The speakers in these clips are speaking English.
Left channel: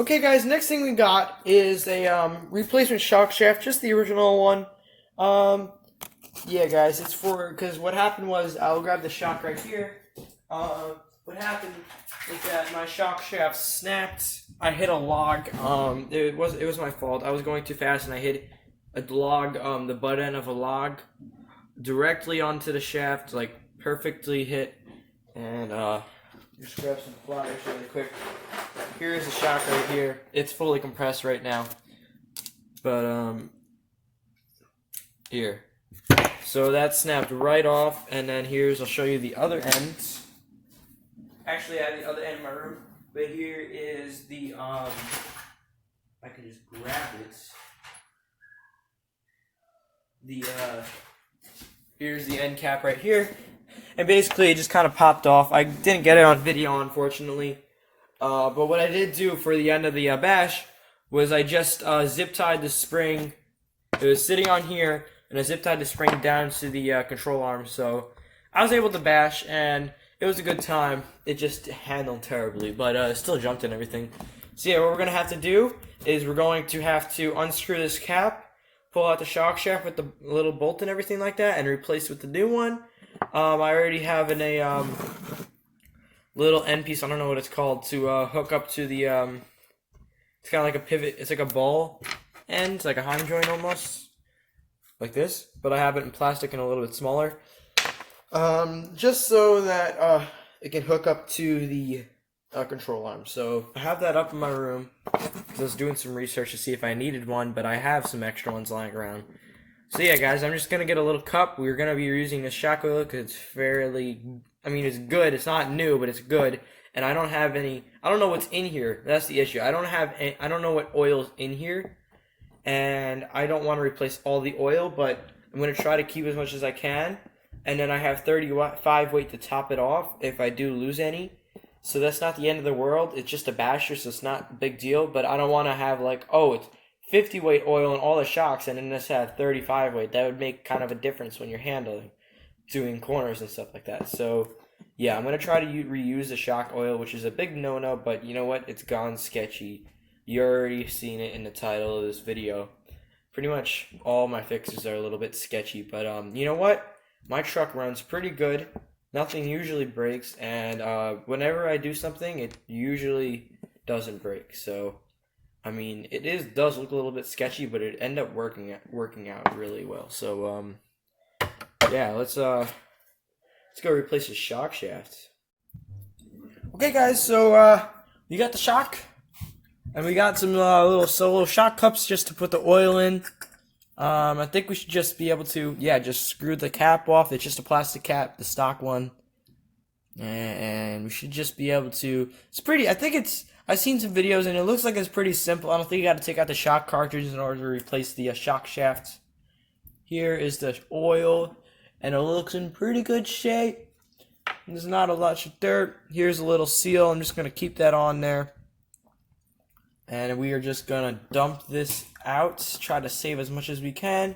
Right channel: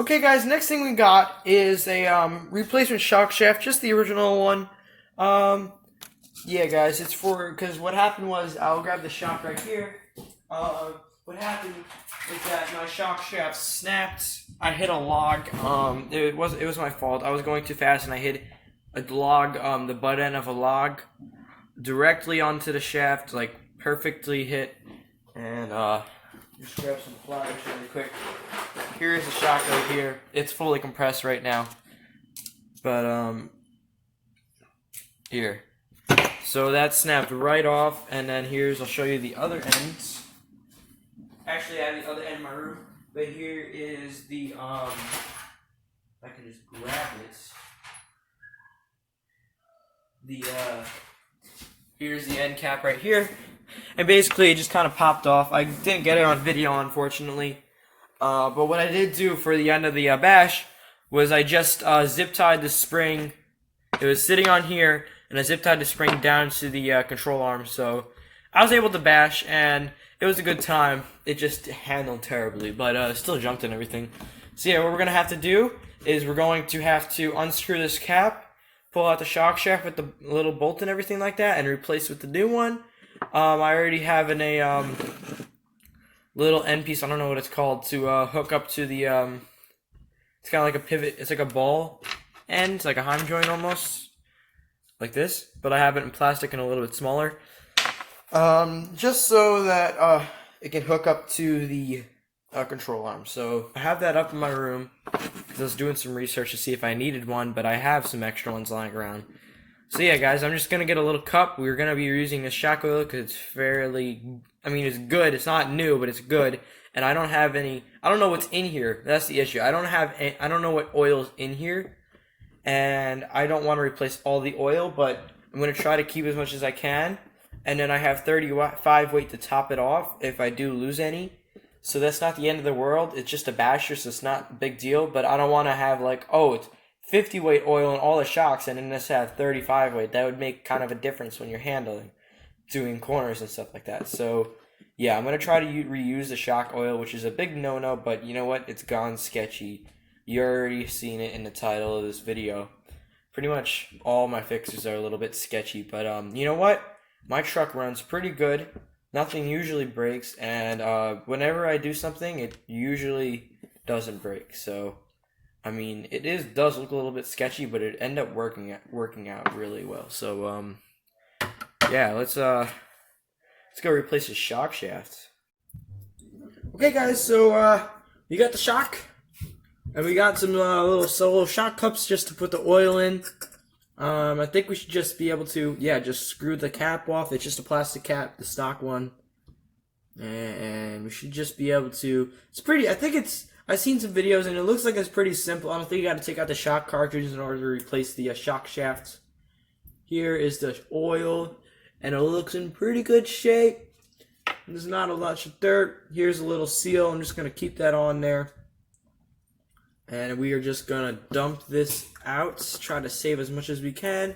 Okay, guys, next thing we got is a replacement shock shaft, just the original one. Um, yeah, guys, it's for because what happened was I'll grab the shock right here. What happened is that my shock shaft snapped. I hit a log. It was my fault. I was going too fast and I hit a log, the butt end of a log, directly onto the shaft, like perfectly hit. And just grab some pliers really quick. Here's the shock right here. It's fully compressed right now. But here. So that snapped right off, and then I'll show you the other ends. Actually, I have the other end in my room, but here is the I can just grab it. Here's the end cap right here, and basically it just kind of popped off. I didn't get it on video, unfortunately. But what I did do for the end of the bash was I just zip tied the spring. It was sitting on here, and I zip tied the spring down to the control arm. So I was able to bash, and it was a good time. It just handled terribly, but still jumped and everything. So yeah, what we're gonna have to do is we're going to have to unscrew this cap, pull out the shock shaft with the little bolt and everything like that, and replace it with the new one. I already have a little end piece, I don't know what it's called, to hook up to the it's kind of like a pivot. It's like a ball end. It's like a heim joint almost, like this, but I have it in plastic and a little bit smaller, just so that it can hook up to the control arm. So I have that up in my room because I was doing some research to see if I needed one, but I have some extra ones lying around. So yeah, guys, I'm just gonna get a little cup. We're gonna be using this shock oil because it's it's good. It's not new, but it's good. And I don't have any. I don't know what's in here. That's the issue. I don't know what oil's in here, and I don't want to replace all the oil. But I'm gonna try to keep as much as I can. And then I have 35 weight to top it off if I do lose any. So that's not the end of the world. It's just a basher, so it's not a big deal. But I don't want to have it's 50 weight oil in all the shocks and then just have 35 weight. That would make kind of a difference when you're handling, doing corners and stuff like that. So yeah, I'm going to try to reuse the shock oil, which is a big no-no, but you know what? It's gone sketchy. You already seen it in the title of this video. Pretty much all my fixes are a little bit sketchy, but you know what? My truck runs pretty good. Nothing usually breaks, and whenever I do something, it usually doesn't break. So it does look a little bit sketchy, but it ended up working out really well. So yeah, let's go replace the shock shaft. Okay, guys, so we got the shock, and we got some little shock cups just to put the oil in. I think we should just be able to just screw the cap off. It's just a plastic cap, the stock one, and we should just be able to. It's pretty. I've seen some videos and it looks like it's pretty simple. I don't think you got to take out the shock cartridges in order to replace the shock shafts. Here is the oil, and it looks in pretty good shape. There's not a lot of dirt. Here's a little seal. I'm just going to keep that on there. And we are just going to dump this out. Try to save as much as we can.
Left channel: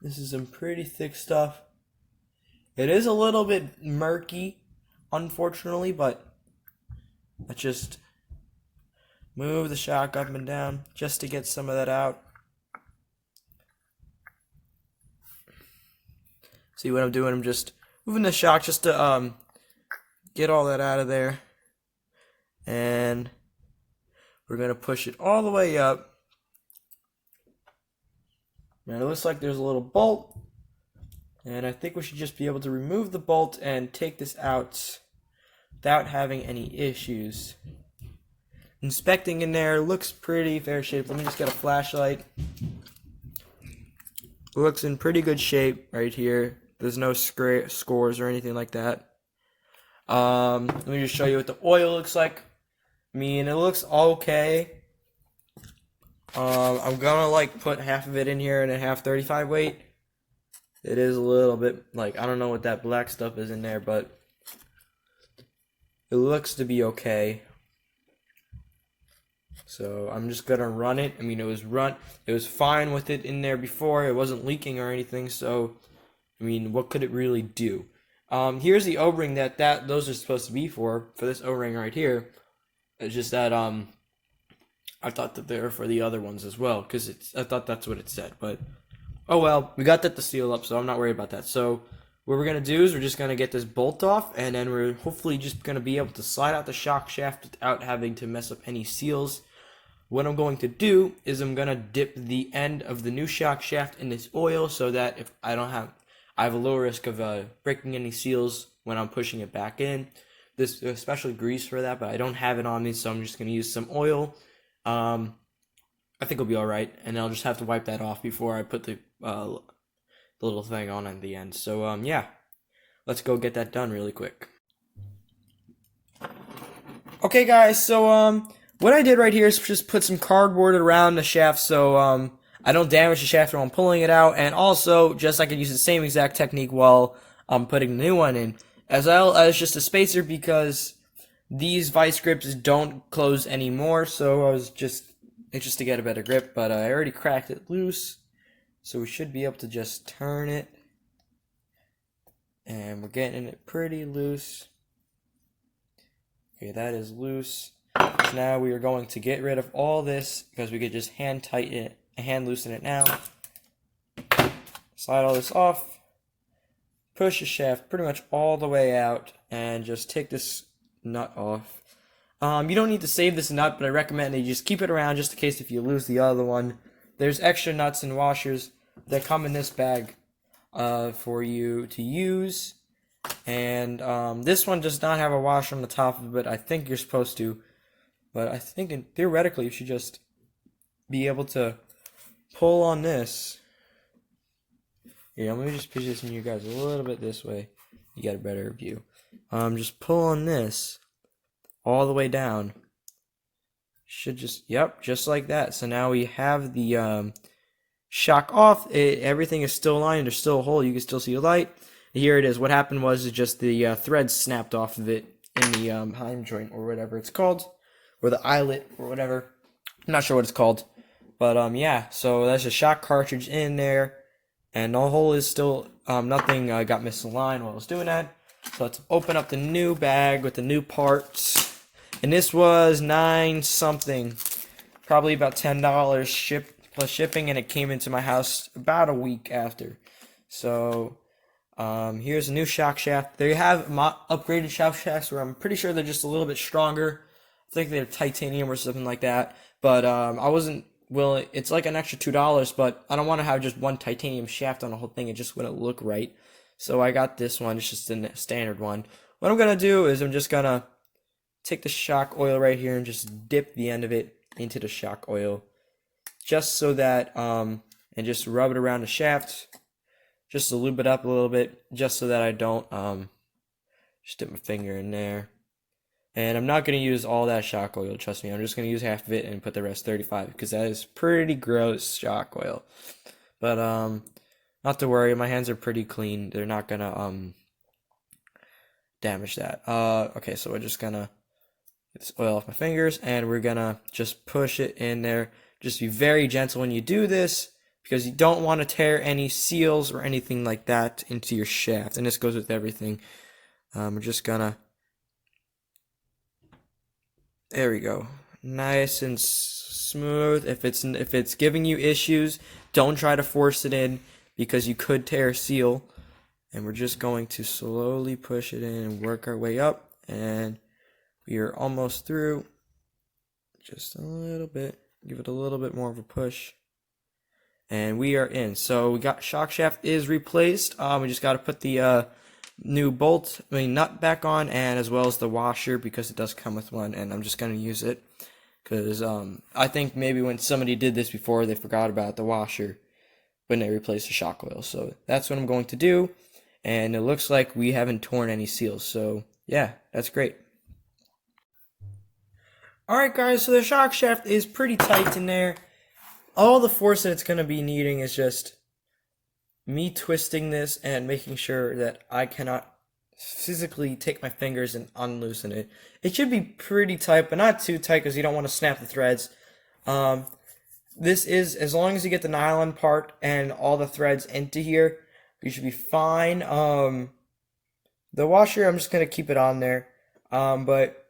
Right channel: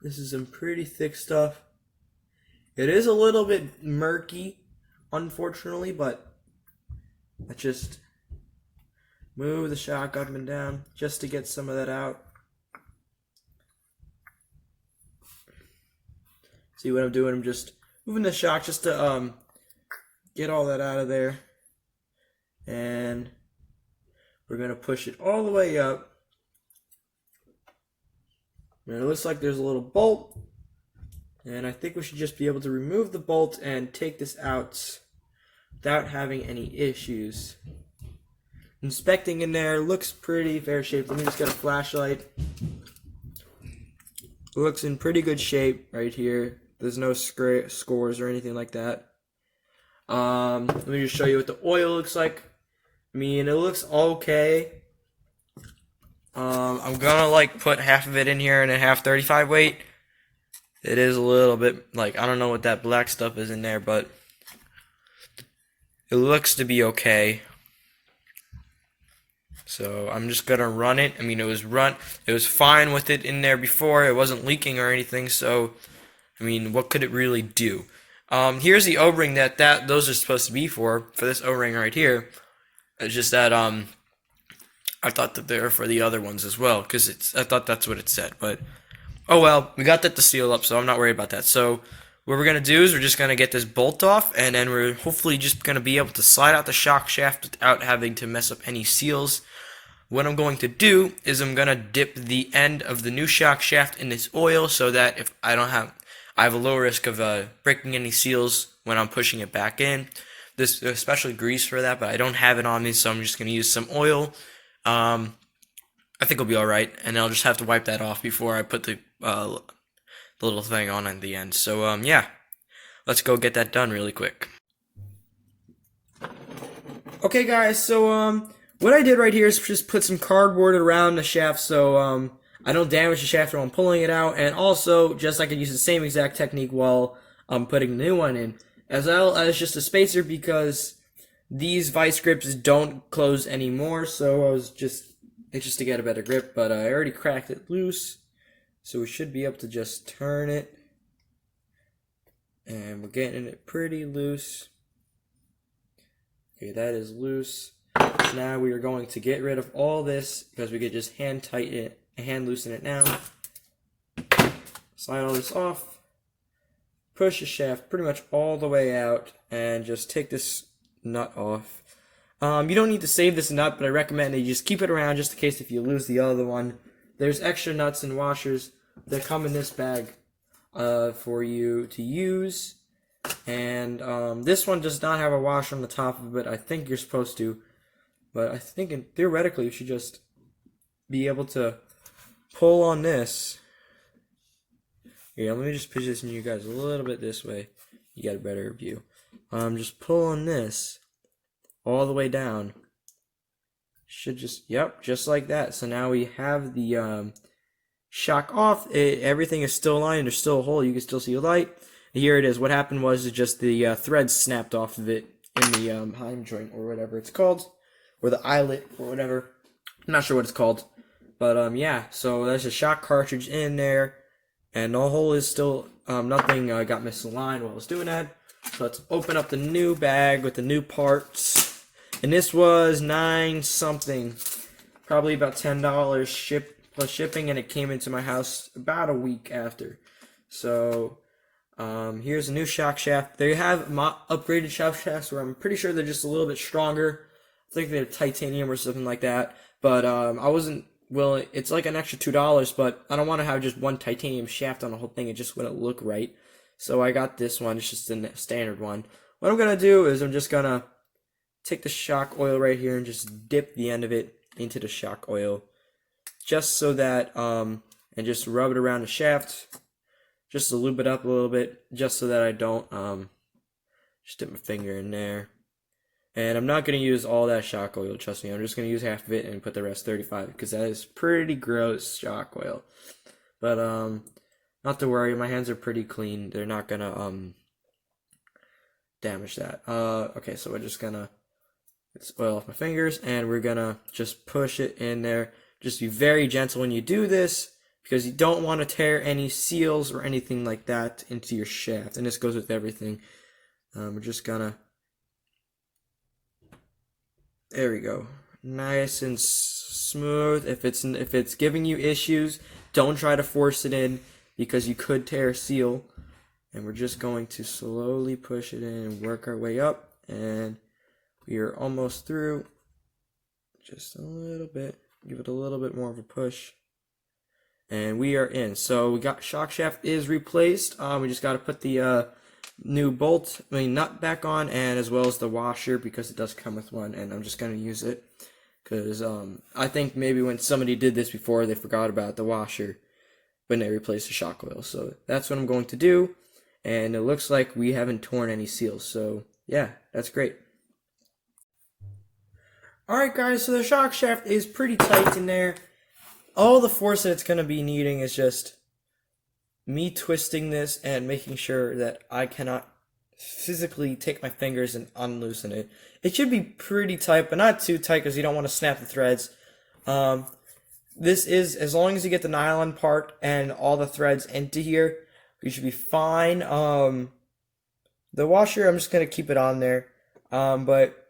This is some pretty thick stuff. It is a little bit murky, unfortunately, but let's just move the shock up and down just to get some of that out. See what I'm doing? I'm just moving the shock just to get all that out of there. And we're going to push it all the way up. Now it looks like there's a little bolt. And I think we should just be able to remove the bolt and take this out without having any issues. Inspecting in there, looks pretty fair shape. Let me just get a flashlight. Looks in pretty good shape right here. There's no scores or anything like that. Let me just show you what the oil looks like. It looks okay. I'm gonna put half of it in here and then half 35 weight. It is a little bit I don't know what that black stuff is in there, but it looks to be okay. So I'm just gonna run it. It was fine with it in there before. It wasn't leaking or anything. So, what could it really do? Here's the O-ring that those are supposed to be for this O-ring right here. It's just that I thought that they were for the other ones as well, because I thought that's what it said. But oh well, we got that to seal up, so I'm not worried about that. So what we're gonna do is we're just gonna get this bolt off, and then we're hopefully just gonna be able to slide out the shock shaft without having to mess up any seals. What I'm going to do is I'm gonna dip the end of the new shock shaft in this oil so that if I have a low risk of breaking any seals when I'm pushing it back in. This especially grease for that, but I don't have it on me, so I'm just gonna use some oil. I think it'll be all right, and I'll just have to wipe that off before I put the little thing on at the end. So yeah, let's go get that done really quick. Okay, guys. So what I did right here is just put some cardboard around the shaft so I don't damage the shaft while I'm pulling it out, and also just I could use the same exact technique while I'm putting the new one in, as well as just a spacer because these vice grips don't close anymore. So I was just anxious to get a better grip, but I already cracked it loose, so we should be able to just turn it, and we're getting it pretty loose. Okay, that is loose. So now we are going to get rid of all this because we could just hand tighten it, hand loosen it now. Slide all this off, push the shaft pretty much all the way out, and just take this nut off. You don't need to save this nut, but I recommend that you just keep it around just in case if you lose the other one. There's extra nuts and washers that come in this bag for you to use. And this one does not have a washer on the top of it. I think you're supposed to. But I think theoretically you should just be able to pull on this. Yeah, let me just position you guys a little bit this way. You get a better view. Just pull on this all the way down. Should just, yep, just like that. So now we have the shock off. Everything is still aligned. There's still a hole. You can still see a light. Here it is. What happened was just the thread snapped off of it in the heim joint or whatever it's called, or the eyelet or whatever. I'm not sure what it's called, but yeah. So there's a shock cartridge in there, and the hole is still nothing got misaligned while I was doing that. So let's open up the new bag with the new parts. And this was $9 something, probably about $10 plus shipping, and it came into my house about a week after. So here's a new shock shaft. They have upgraded shock shafts where I'm pretty sure they're just a little bit stronger. I think they're titanium or something like that. But I wasn't willing. It's like an extra $2, but I don't want to have just one titanium shaft on the whole thing. It just wouldn't look right. So I got this one. It's just the standard one. What I'm gonna do is I'm just gonna take the shock oil right here and just dip the end of it into the shock oil, just so that and just rub it around the shaft, just to lube it up a little bit, just so that I don't just dip my finger in there. And I'm not gonna use all that shock oil, trust me. I'm just gonna use half of it and put the rest 35 because that is pretty gross shock oil. But not to worry, my hands are pretty clean. They're not gonna damage that. Okay, so we're just gonna get this oil off my fingers, and we're gonna just push it in there. Just be very gentle when you do this, because you don't want to tear any seals or anything like that into your shaft. And this goes with everything. We're just gonna, there we go, nice and smooth. If it's giving you issues, don't try to force it in, because you could tear a seal. And we're just going to slowly push it in and work our way up, and we are almost through. Just a little bit, give it a little bit more of a push, and we are in. So we got shock shaft is replaced. We just got to put the new nut back on, and as well as the washer, because it does come with one, and I'm just going to use it because I think maybe when somebody did this before, they forgot about the washer when they replaced the shock oil. So that's what I'm going to do, and it looks like we haven't torn any seals. So yeah, that's great. Alright guys, so the shock shaft is pretty tight in there. All the force that it's going to be needing is just me twisting this and making sure that I cannot physically take my fingers and unloosen it. It should be pretty tight, but not too tight because you don't want to snap the threads. This is, as long as you get the nylon part and all the threads into here, you should be fine. The washer, I'm just going to keep it on there. But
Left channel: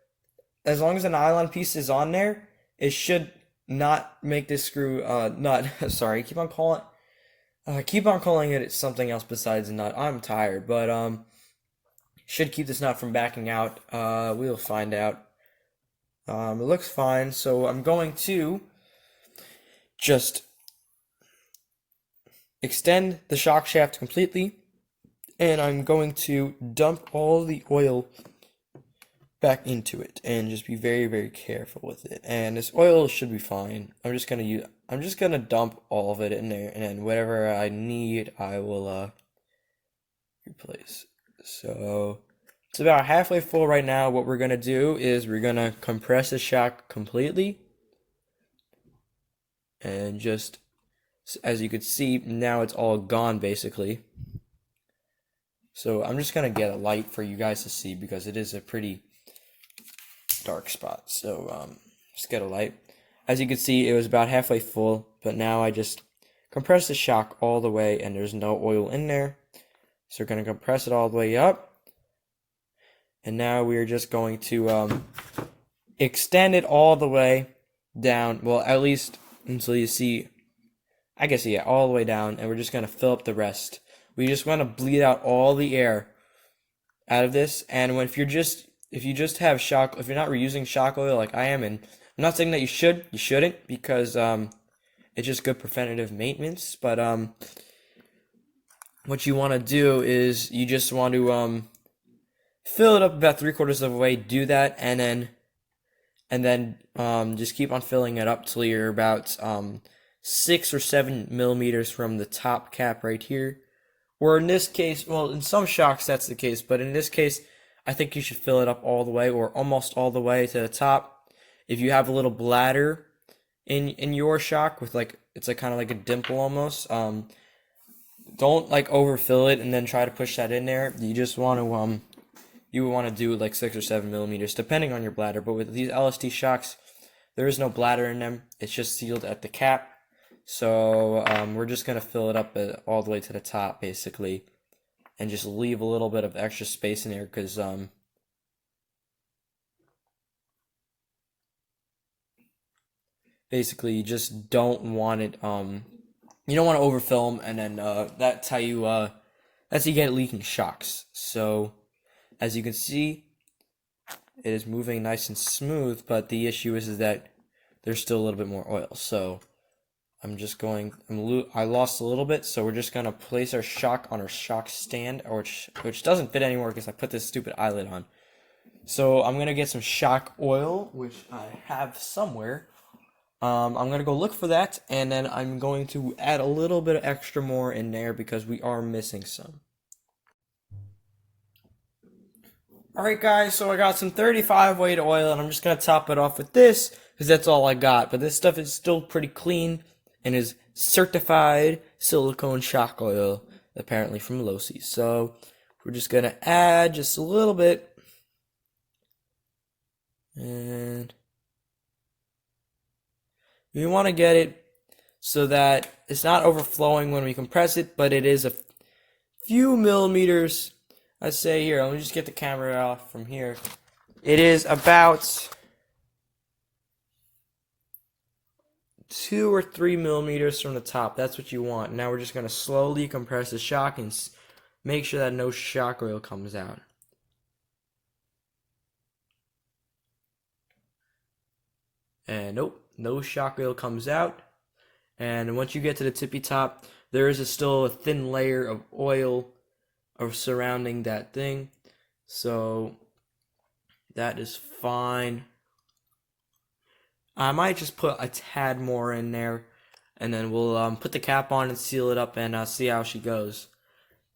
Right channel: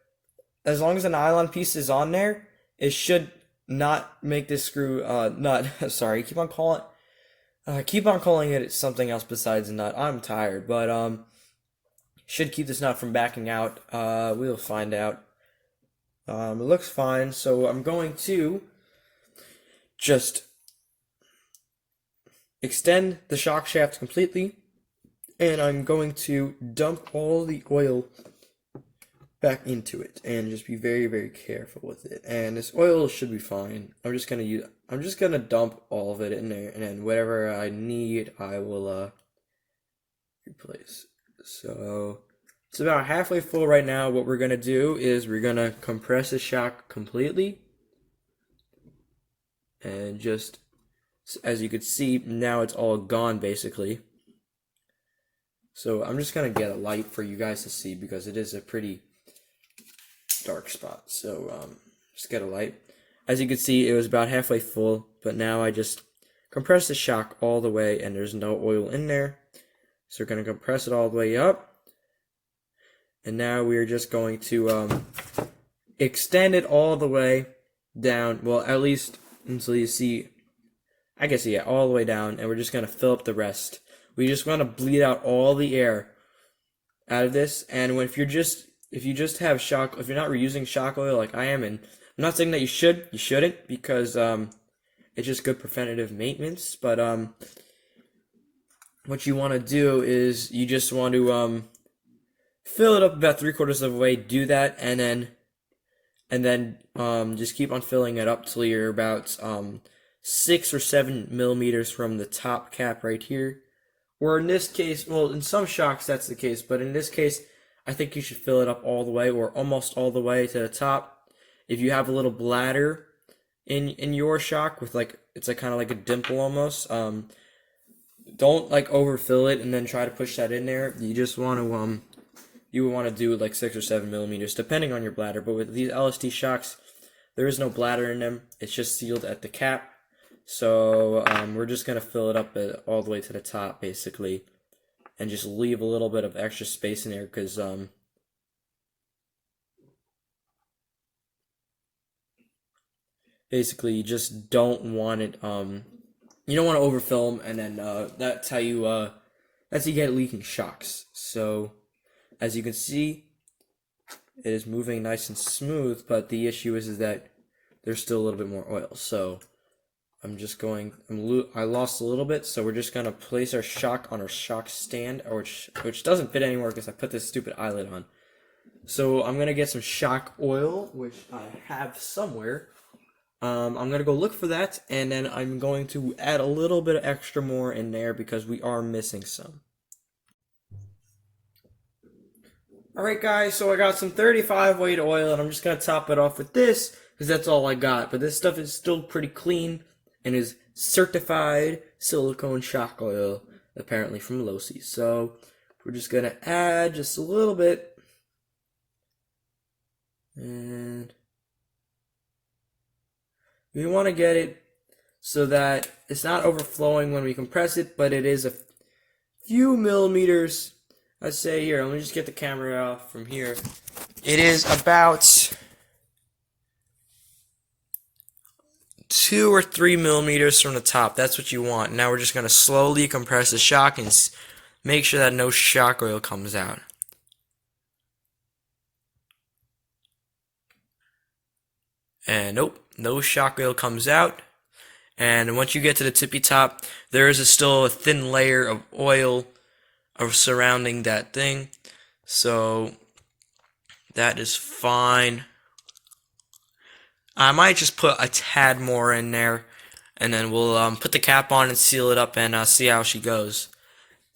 as long as the nylon piece is on there, it should not make this screw nut. Sorry, keep on calling it something else besides a nut. I'm tired, but should keep this nut from backing out. We'll find out. It looks fine, so I'm going to just extend the shock shaft completely, and I'm going to dump all the oil back into it, and just be very, very careful with it. And this oil should be fine. I'm just gonna dump all of it in there, and then whatever I need, I will replace. So it's about halfway full right now. What we're gonna do is we're gonna compress the shock completely, and just as you can see, now it's all gone basically. So I'm just gonna get a light for you guys to see because it is a pretty dark spot. So just get a light. As you can see, it was about halfway full, but now I just compress the shock all the way and there's no oil in there. So we're going to compress it all the way up. And now we're just going to extend it all the way down. Well, at least until you see, I guess, yeah, all the way down. And we're just going to fill up the rest. We just want to bleed out all the air out of this. And if you just have shock, if you're not reusing shock oil like I am, and I'm not saying that you shouldn't, because it's just good preventative maintenance. But what you want to do is you just want to fill it up about 3/4 of the way. Do that, and then just keep on filling it up till you're about 6 or 7 millimeters from the top cap right here. Or in this case, well, in some shocks that's the case, but in this case, I think you should fill it up all the way or almost all the way to the top. If you have a little bladder in your shock with it's like kind of like a dimple almost, don't like overfill it and then try to push that in there. You just want to you want to do like 6 or 7 millimeters depending on your bladder. But with these LST shocks, there is no bladder in them. It's just sealed at the cap. So we're just gonna fill it up all the way to the top basically, and just leave a little bit of extra space in there because basically you just don't want it you don't want to overfill them, and then that's how you get leaking shocks. So as you can see, it is moving nice and smooth, but the issue is that there's still a little bit more oil. So I lost a little bit, so we're just gonna place our shock on our shock stand, which doesn't fit anymore because I put this stupid eyelet on. So I'm gonna get some shock oil, which I have somewhere. I'm gonna go look for that, and then I'm going to add a little bit of extra more in there because we are missing some. Alright guys, so I got some 35 weight oil, and I'm just gonna top it off with this because that's all I got. But this stuff is still pretty clean and is certified silicone shock oil, apparently from Losi. So we're just gonna add just a little bit, and we want to get it so that it's not overflowing when we compress it, but it is a few millimeters. I'd say here, let me just get the camera off from here. It is about 2 or 3 millimeters from the top. That's what you want. Now we're just going to slowly compress the shock and make sure that no shock oil comes out. And nope, no shock oil comes out. And once you get to the tippy top, there is still a thin layer of oil surrounding that thing. So that is fine. I might just put a tad more in there, and then we'll put the cap on and seal it up and see how she goes.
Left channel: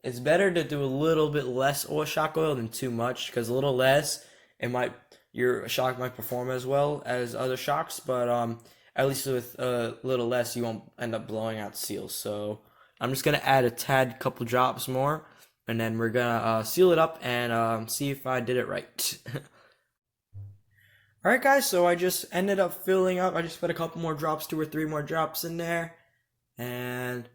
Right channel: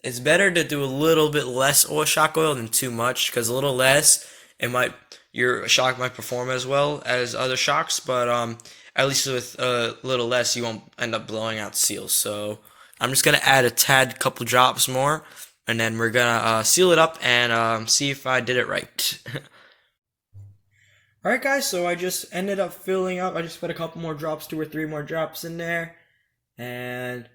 It's better to do a little bit less shock oil than too much, because a little less, your shock might perform as well as other shocks, but at least with a little less, you won't end up blowing out seals. So I'm just gonna add a tad, couple drops more, and then we're gonna seal it up and see if I did it right. Alright guys, so I just ended up filling up. I just put a couple more drops, 2 or 3 more drops in there, and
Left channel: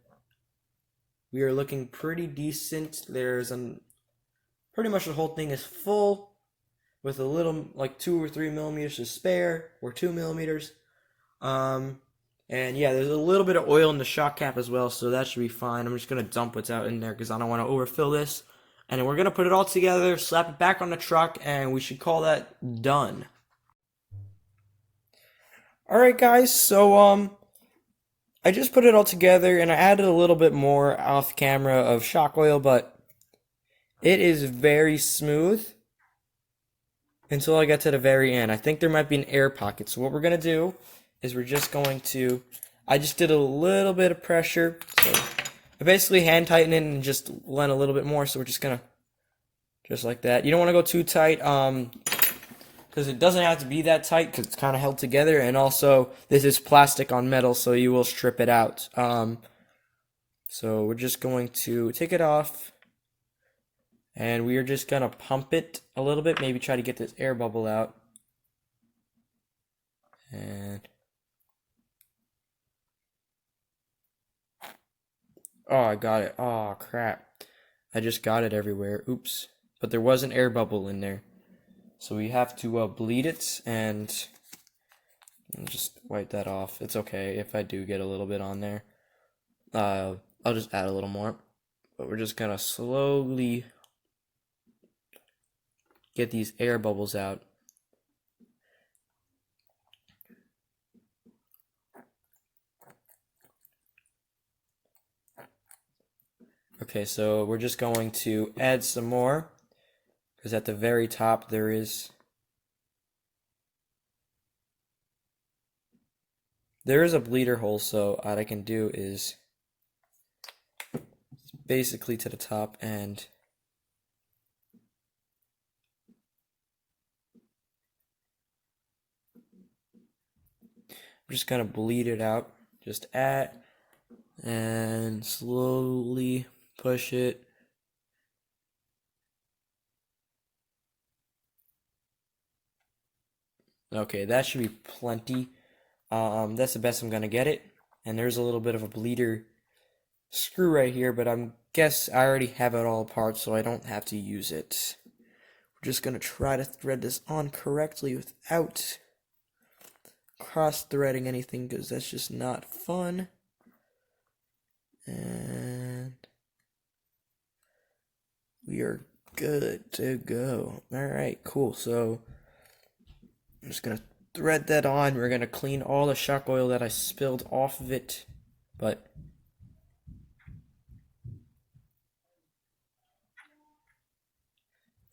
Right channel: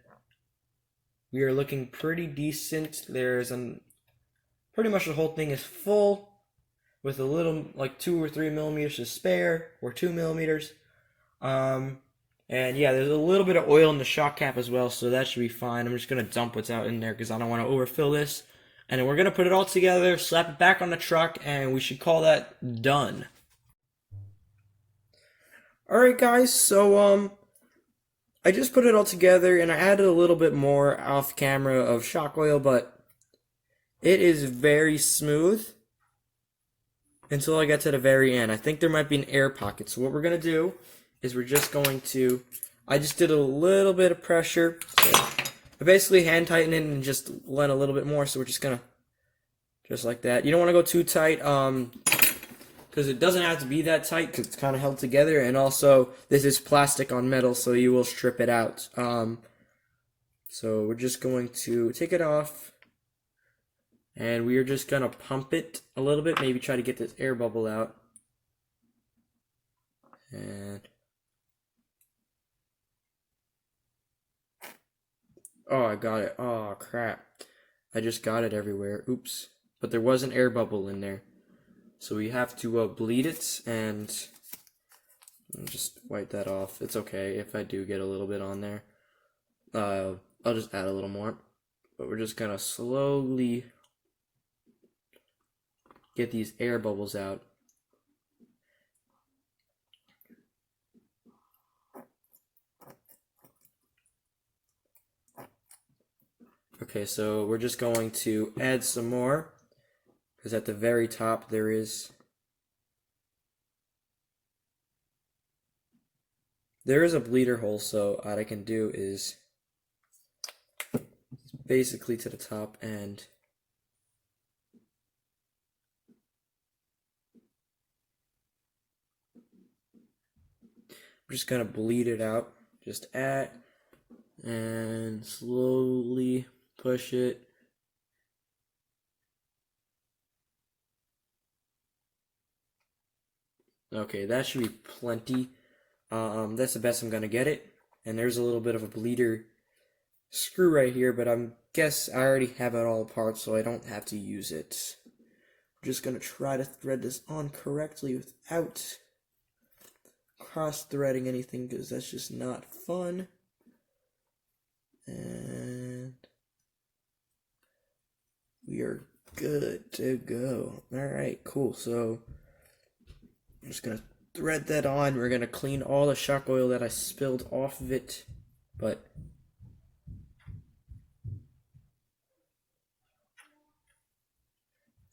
we are looking pretty decent. Pretty much the whole thing is full with a little, like 2 or 3 millimeters to spare, or 2 millimeters. And yeah, there's a little bit of oil in the shock cap as well, so that should be fine. I'm just gonna dump what's out in there because I don't want to overfill this. And then we're gonna put it all together, slap it back on the truck, and we should call that done. Alright guys, so I just put it all together and I added a little bit more off camera of shock oil, but it is very smooth until I get to the very end. I think there might be an air pocket. So what we're going to do is we're just going to, I just did a little bit of pressure. So I basically hand tighten it and just lent a little bit more. So we're just going to, just like that. You don't want to go too tight because it doesn't have to be that tight because it's kind of held together. And also this is plastic on metal, so you will strip it out. So we're just going to take it off. And we are just going to pump it a little bit, maybe try to get this air bubble out. And oh, I got it. Oh, crap. I just got it everywhere. Oops. But there was an air bubble in there. So we have to bleed it and just wipe that off. It's okay if I do get a little bit on there. I'll just add a little more. But we're just going to slowly get these air bubbles out. Okay, so we're just going to add some more because at the very top there is a bleeder hole, so what I can do is basically to the top and I'm just gonna bleed it out, just and slowly push it. Okay, that should be plenty. That's the best I'm gonna get it. And there's a little bit of a bleeder screw right here, but I guess I already have it all apart, so I don't have to use it. We're just gonna try to thread this on correctly without cross-threading anything, because that's just not fun. And we are good to go. Alright, cool. So I'm just gonna thread that on. We're gonna clean all the shock oil that I spilled off of it, but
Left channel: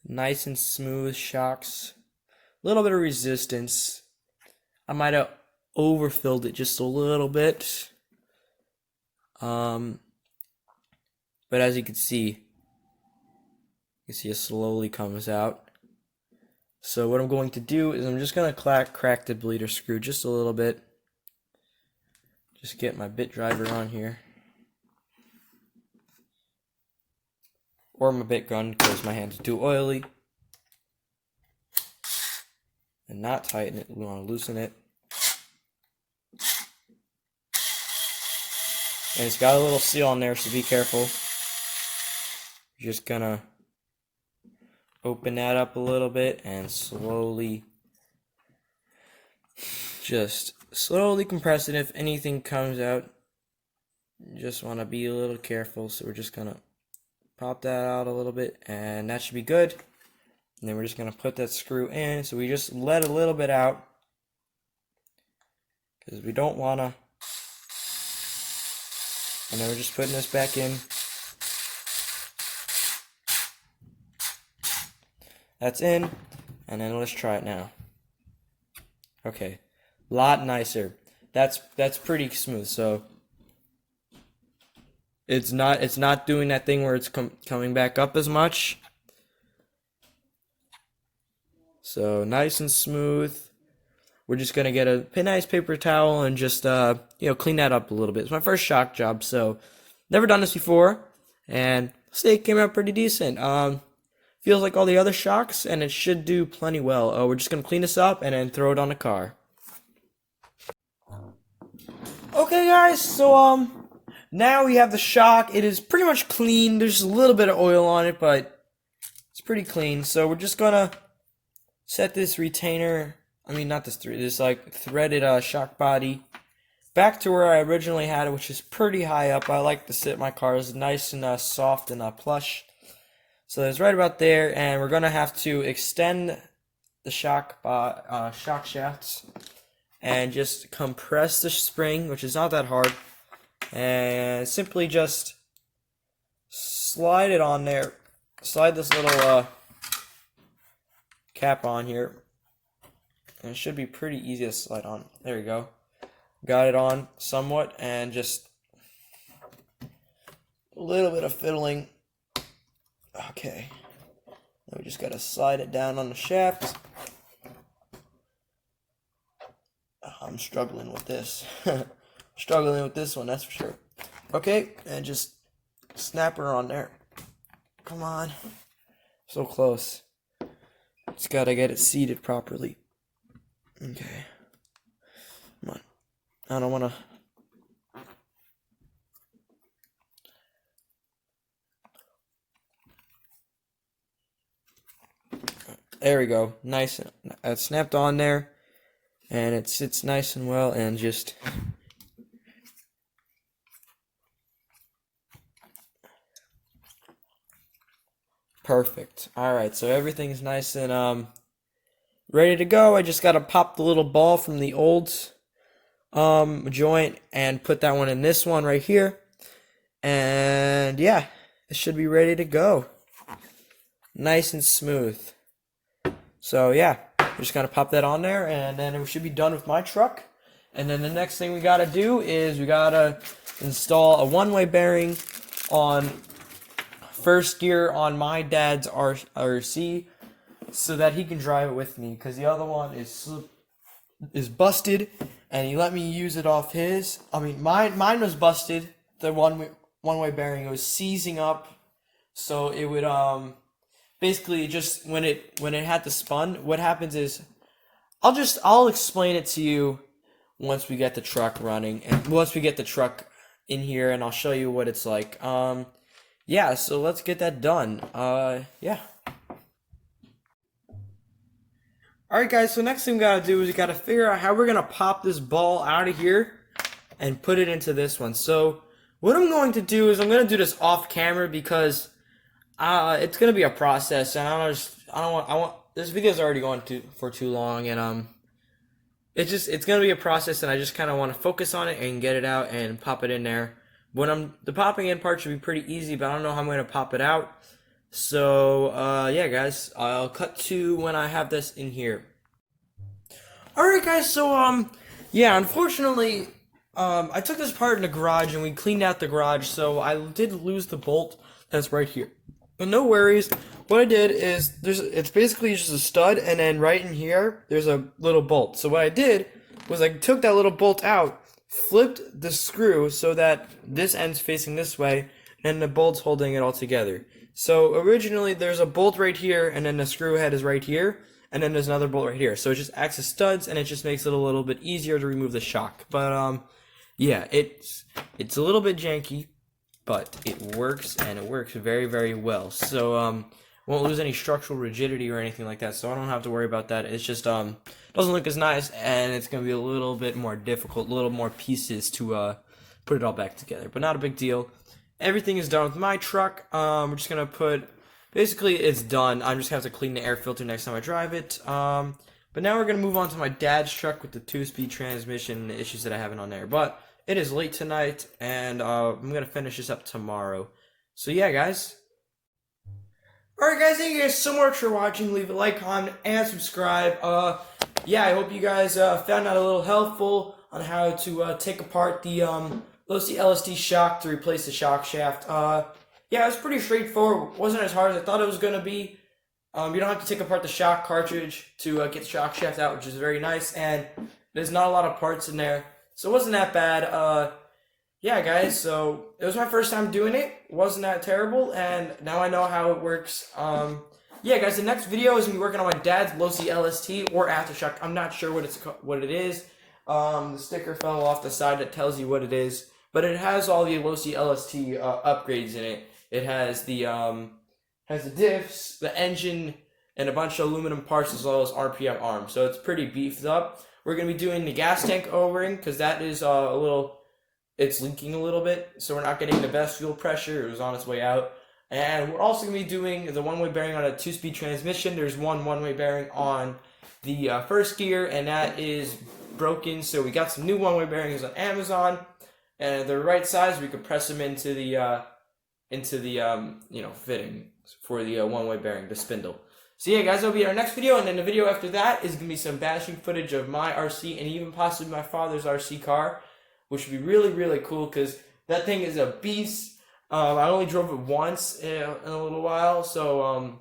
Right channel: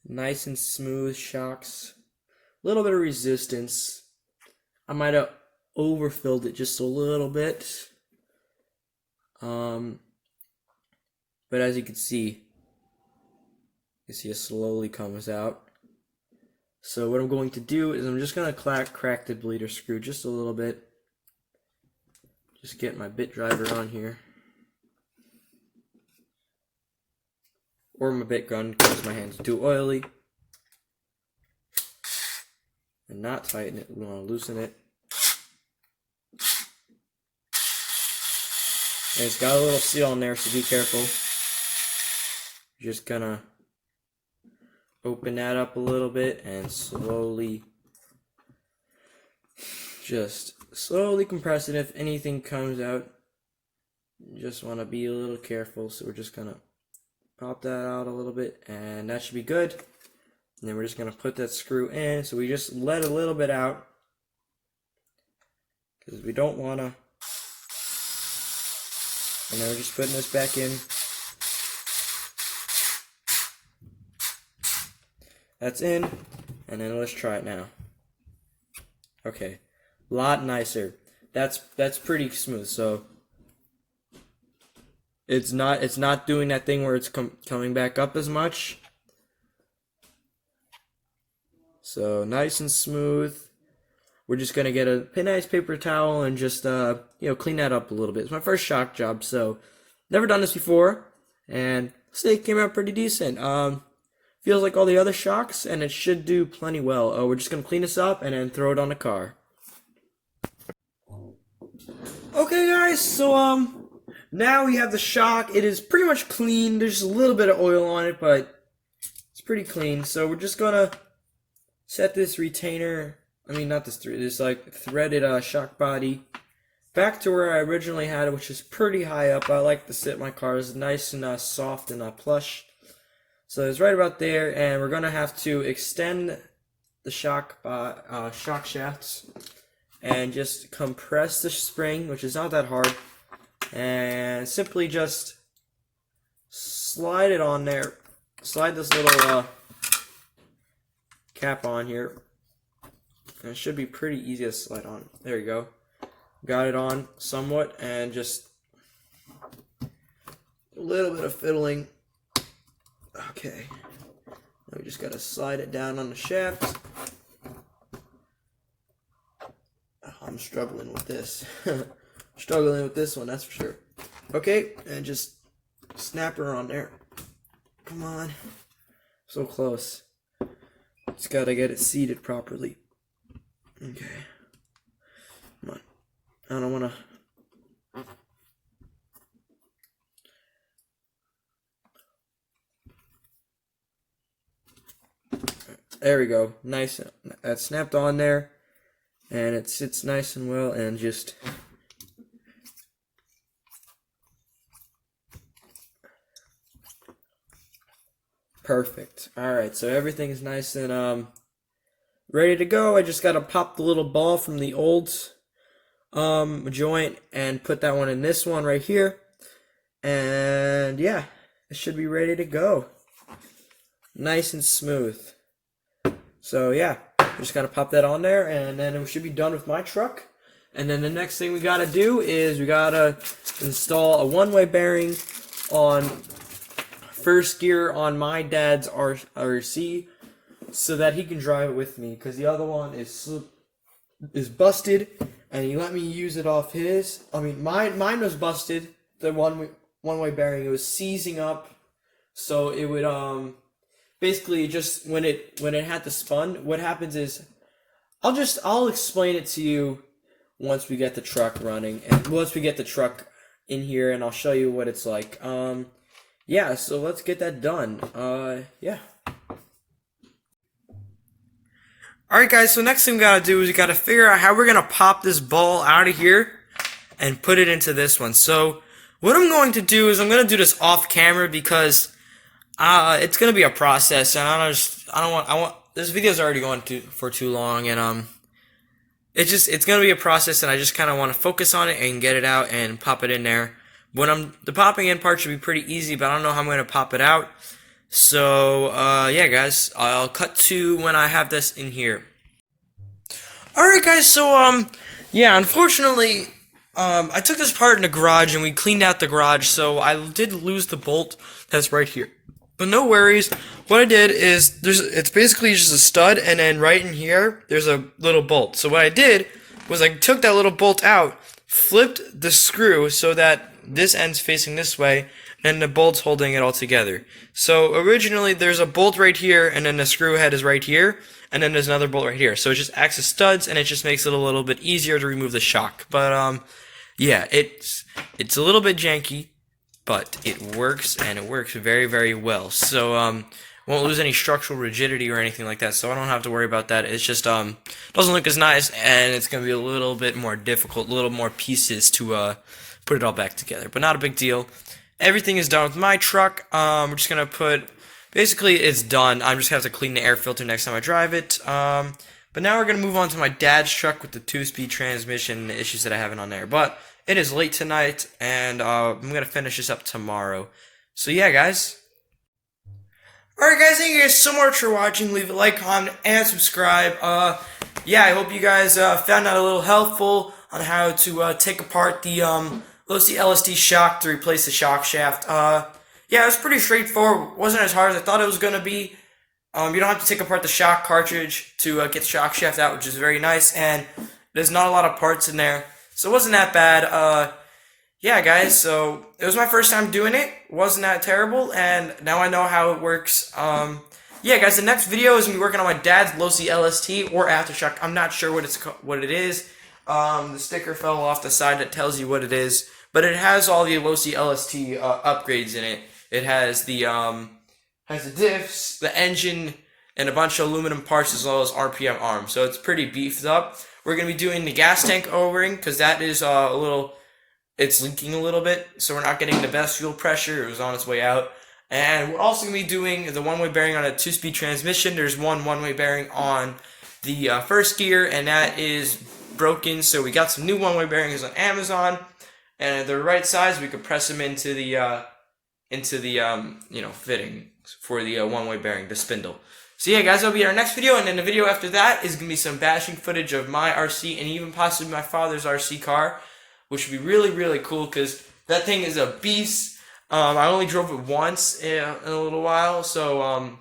nice and smooth shocks. A little bit of resistance. I might have overfilled it just a little bit. But as you can see it slowly comes out. So what I'm going to do is I'm just going to crack the bleeder screw just a little bit. Just get my bit driver on here. Or my bit gun because my hands are too oily. And not tighten it, we want to loosen it. And it's got a little seal on there, so be careful. Just gonna open that up a little bit and slowly compress it. If anything comes out, you just want to be a little careful. So we're just gonna pop that out a little bit, and that should be good. And then we're just gonna put that screw in. So we just let a little bit out because we don't wanna. And then we're just putting this back in. That's in, and then let's try it now. Okay, a lot nicer. That's pretty smooth. So it's not doing that thing where it's coming back up as much. So nice and smooth. We're just gonna get a nice paper towel and just clean that up a little bit. It's my first shock job, so never done this before, and say it came out pretty decent. Feels like all the other shocks, and it should do plenty well. We're just gonna clean this up and then throw it on the car. Okay, guys. So now we have the shock. It is pretty much clean. There's just a little bit of oil on it, but it's pretty clean. So we're just gonna set this retainer I mean, not this this like threaded shock body back to where I originally had it, which is pretty high up. I like to sit my cars nice and soft and plush. So it's right about there, and we're gonna have to extend the shock shafts and just compress the spring, which is not that hard, and simply just slide it on there. Slide this little cap on here, and it should be pretty easy to slide on. There we go. Got it on somewhat, and just a little bit of fiddling. Okay, we just gotta slide it down on the shaft. I'm struggling with this. Struggling with this one, that's for sure. Okay, and just snap her on there. Come on. So close. Just gotta get it seated properly. Okay. Come on. I don't wanna. There we go. Nice. It's snapped on there, and it sits nice and well, and just perfect. All right, so everything is nice and ready to go. I just gotta pop the little ball from the old joint and put that one in this one right here, and yeah, it should be ready to go. Nice and smooth. So yeah, just gotta pop that on there, and then we should be done with my truck. And then the next thing we gotta do is we gotta install a one-way bearing on first gear on my dad's RC, so that he can drive it with me, because the other one is busted, and he let me use it off his. I mean, mine was busted. The one-way bearing, it was seizing up, so it would basically just when it had the spun, what happens is I'll explain it to you once we get the truck running, and once we get the truck in here, and I'll show you what it's like. Yeah, so let's get that done. Yeah. Alright guys, so next thing we gotta do is we gotta figure out how we're gonna pop this ball out of here and put it into this one. So what I'm going to do is I'm gonna do this off camera, because it's gonna be a process, and I want this video's already going for too long, and it's gonna be a process, and I just kind of want to focus on it and get it out and pop it in there. The popping in part should be pretty easy, but I don't know how I'm gonna pop it out. So yeah guys, I'll cut to when I have this in here. Alright guys, so yeah, unfortunately I took this part in the garage and we cleaned out the garage, so I did lose the bolt that's right here. But no worries. What I did is it's basically just a stud, and then right in here there's a little bolt. So what I did was I took that little bolt out, flipped the screw so that this end's facing this way, and the bolt's holding it all together. So originally there's a bolt right here, and then the screw head is right here, and then there's another bolt right here. So it just acts as studs, and it just makes it a little bit easier to remove the shock. But yeah, it's a little bit janky, but it works, and it works very, very well. So won't lose any structural rigidity or anything like that, so I don't have to worry about that. It's just doesn't look as nice, and it's gonna be a little bit more difficult, a little more pieces to put it all back together, but not a big deal. Everything is done with my truck. We're just gonna basically it's done. I'm just gonna have to clean the air filter next time I drive it. But now we're gonna move on to my dad's truck with the 2-speed transmission, the issues that I have on there. But it is late tonight, and I'm gonna finish this up tomorrow. So yeah, guys. Alright guys, thank you guys so much for watching. Leave a like, comment, and subscribe. Yeah, I hope you guys found that a little helpful on how to take apart the losi LST shock to replace the shock shaft. Yeah, it was pretty straightforward. It wasn't as hard as I thought it was gonna be. You don't have to take apart the shock cartridge to get the shock shaft out, which is very nice, and there's not a lot of parts in there, so it wasn't that bad. Yeah, guys, so it was my first time doing it. It wasn't that terrible, and now I know how it works. Yeah, guys, the next video is gonna be working on my dad's losi LST or aftershock. I'm not sure what it is. The sticker fell off the side that tells you what it is, but it has all the losi LST upgrades in it. It has the diffs, the engine and a bunch of aluminum parts as well as RPM arms. So it's pretty beefed up. We're going to be doing the gas tank O-ring because that is it's leaking a little bit, so we're not getting the best fuel pressure. It was on its way out. And we're also going to be doing the one-way bearing on a 2-speed transmission. There's one-way bearing on the first gear, and that is broken. So we got some new one-way bearings on Amazon, and they're right size. We could press them into the fitting for the one-way bearing, the spindle. So yeah, guys, that'll be our next video, and then the video after that is going to be some bashing footage of my RC and even possibly my father's RC car, which would be really, really cool because that thing is a beast. I only drove it once in a little while, so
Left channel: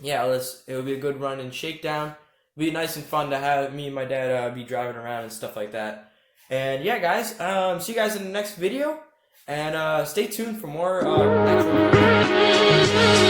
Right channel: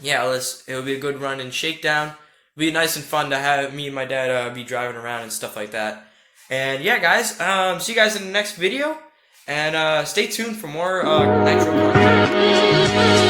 yeah, it'll be a good run and shakedown. It'll be nice and fun to have me and my dad be driving around and stuff like that. And yeah, guys, see you guys in the next video, and stay tuned for more Nitro content.